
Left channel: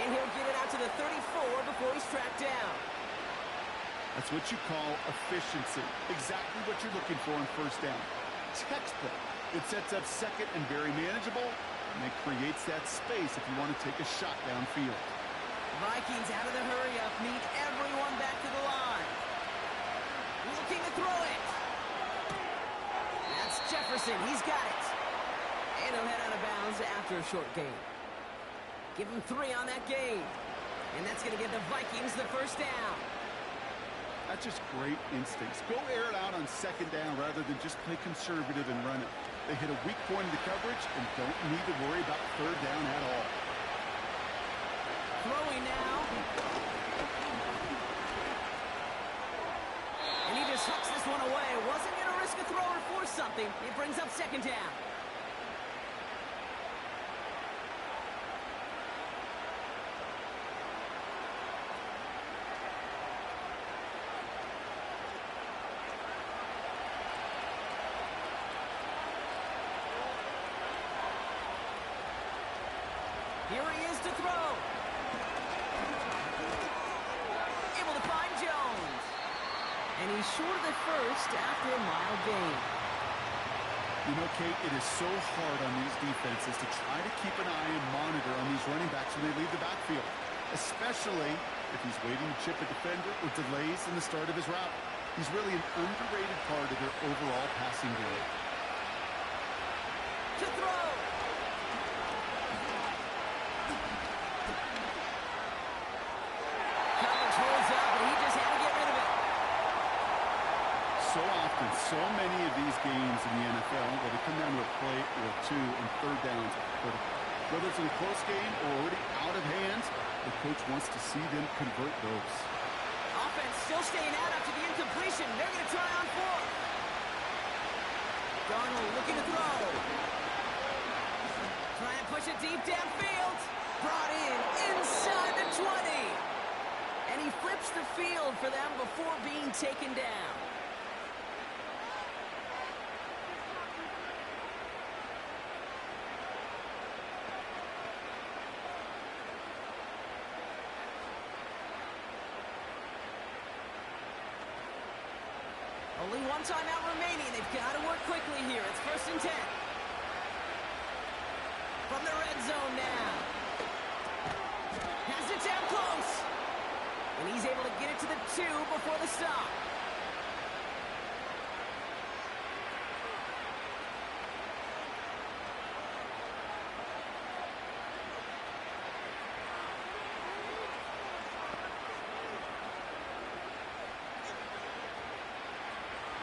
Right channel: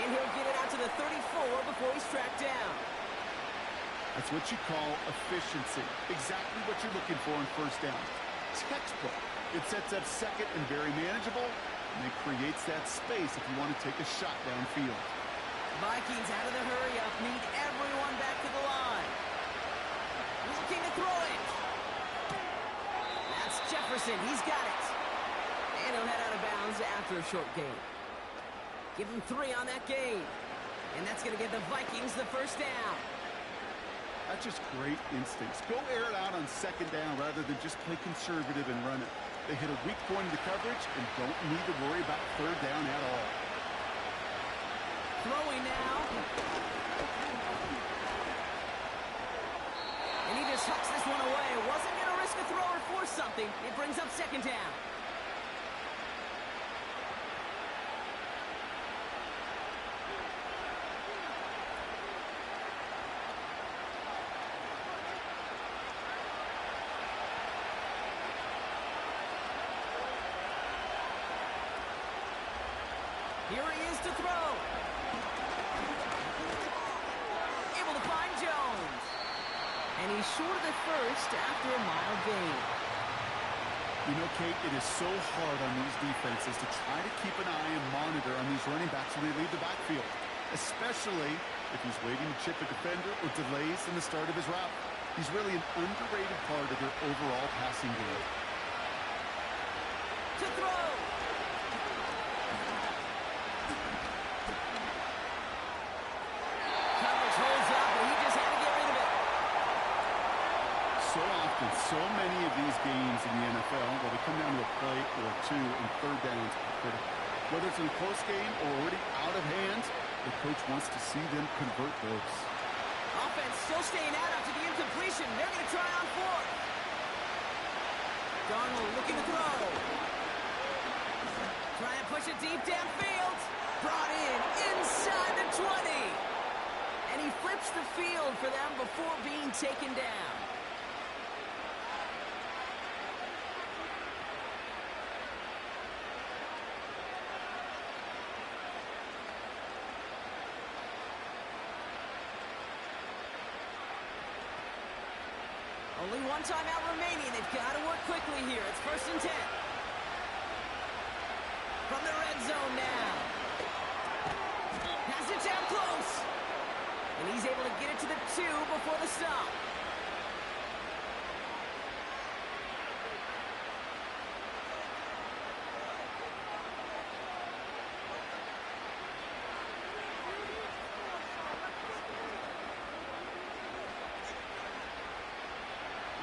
And he'll get it out to the 34 before he's tracked down. That's what you call efficiency. Exactly what you're looking for on 1st down. Textbook. It sets up 2nd and very manageable, and it creates that space if you want to take a shot downfield. Vikings out of the hurry-up, need everyone back to the line. Looking to throw it. That's Jefferson. He's got it. And he'll head out of bounds after a short gain. Give him 3 on that gain. And that's going to give the Vikings the 1st down. That's just great instincts. Go air it out on 2nd down rather than just play conservative and run it. They hit a weak point in the coverage and don't need to worry about 3rd down at all. Throwing now. And he just hucks this one away. Wasn't going to risk a throw or force something. It brings up 2nd down. Here he is to throw. Able to find Jones. And he's short of the 1st after a mild gain. You know, Kate, it is so hard on these defenses to try to keep an eye and monitor on these running backs when they leave the backfield, especially if he's waiting to chip a defender or delays in the start of his route. He's really an underrated part of their overall passing game. To throw. Coverage holds up, and he just had to get rid of it. So often, so many of these games in the NFL, well, they come down to a play or two, and third downs are critical. Whether it's in a close game or already out of hand, the coach wants to see them convert those. Offense still staying out after the incompletion. They're going to try on fourth. Darnold looking to throw. Try and push it deep downfield. Brought in inside the 20. And he flips the field for them before being taken down. Only one timeout remaining. They've got to work quickly here. It's 1st and 10. From the red zone now. Has it down close. And he's able to get it to the 2 before the stop.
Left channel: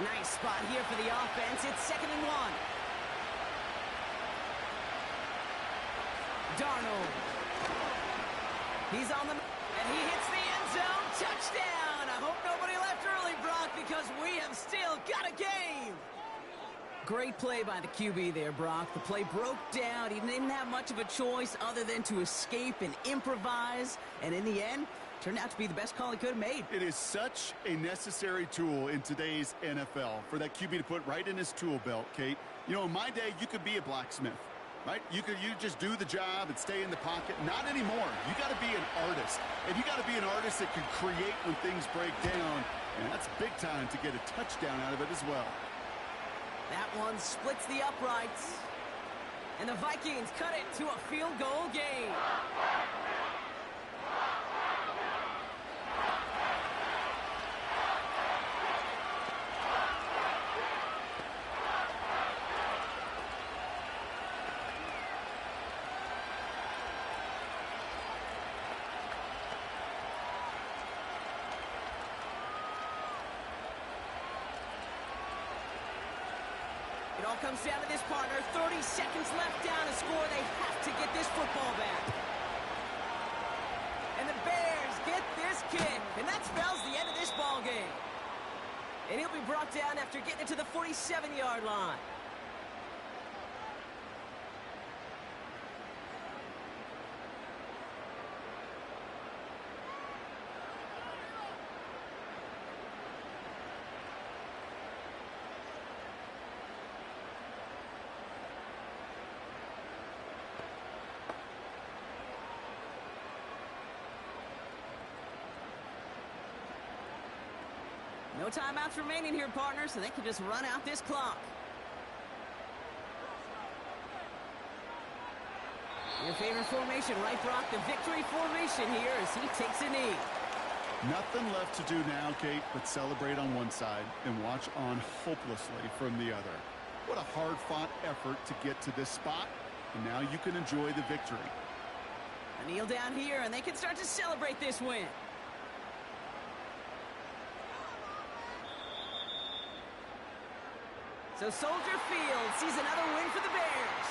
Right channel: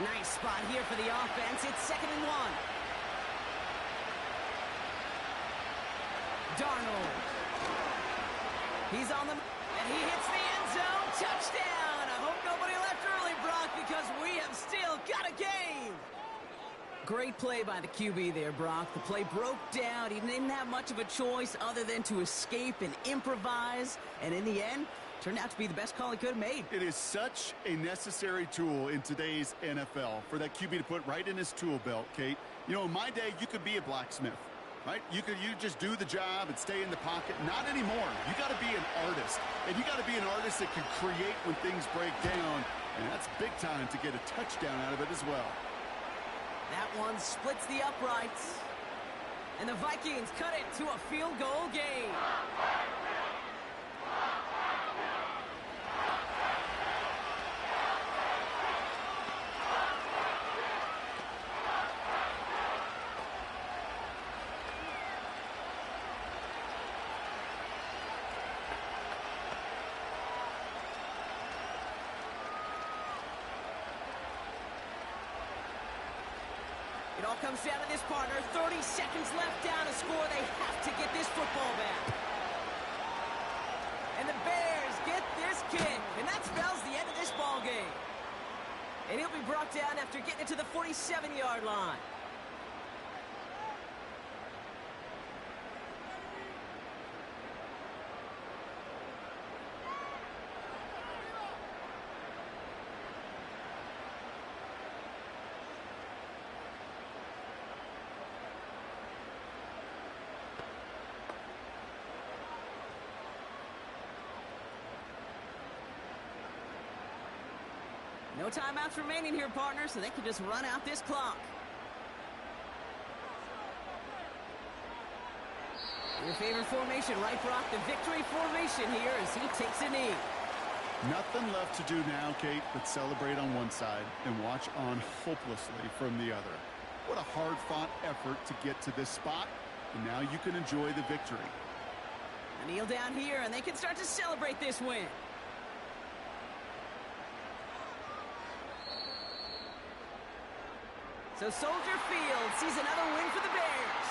Nice spot here for the offense. It's 2nd and 1. Darnold. He's on the... And he hits the end zone. Touchdown! I hope nobody left early, Brock, because we have still got a game. Great play by the QB there, Brock. The play broke down. He didn't have much of a choice other than to escape and improvise. And in the end, turned out to be the best call he could have made. It is such a necessary tool in today's NFL for that QB to put right in his tool belt, Kate. You know, in my day, you could be a blacksmith, right? You just do the job and stay in the pocket. Not anymore. You got to be an artist. And you got to be an artist that can create when things break down. And that's big time to get a touchdown out of it as well. That one splits the uprights. And the Vikings cut it to a field goal game. It all comes down to this, partner. 30 seconds left down to score. They have to get this football back. And the Bears get this kick. And that spells the end of this ball game. And he'll be brought down after getting it to the 47-yard line. No timeouts remaining here, partner, so they can just run out this clock. Your favorite formation, right, Brock? The victory formation here as he takes a knee. Nothing left to do now, Kate, but celebrate on one side and watch on hopelessly from the other. What a hard-fought effort to get to this spot, and now you can enjoy the victory. A kneel down here, and they can start to celebrate this win. So Soldier Field sees another win for the Bears.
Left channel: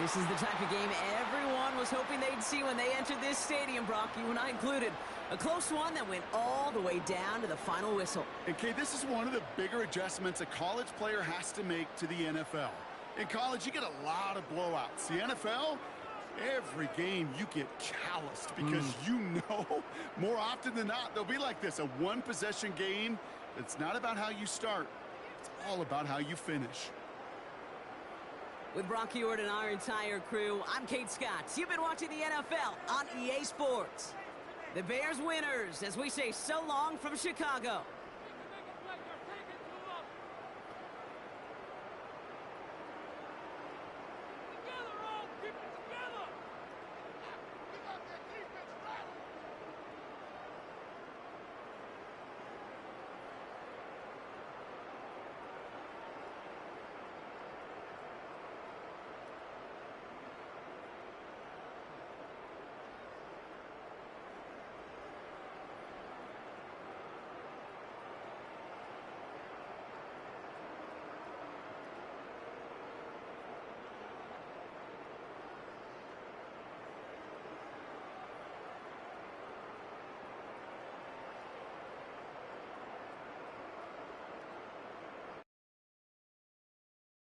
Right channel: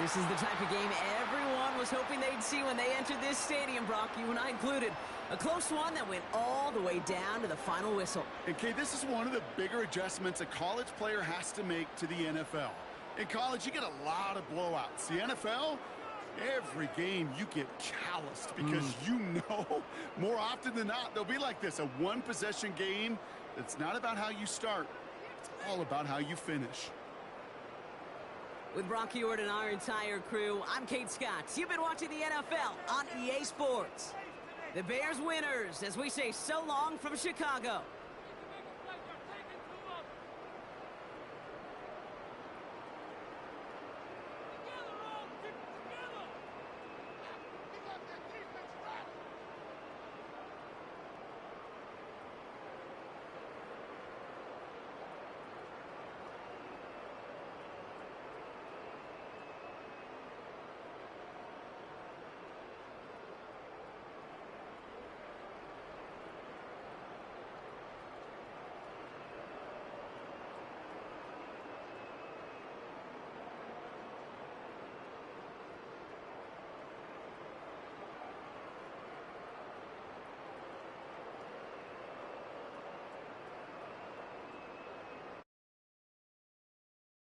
This is the type of game everyone was hoping they'd see when they entered this stadium, Brock, you and I included. A close one that went all the way down to the final whistle. And, Kate, this is one of the bigger adjustments a college player has to make to the NFL. In college, you get a lot of blowouts. The NFL, every game you get calloused because you know more often than not they'll be like this, a one-possession game. It's not about how you start. It's all about how you finish. With Brock Ewart and our entire crew, I'm Kate Scott. You've been watching the NFL on EA Sports. The Bears winners as we say so long from Chicago.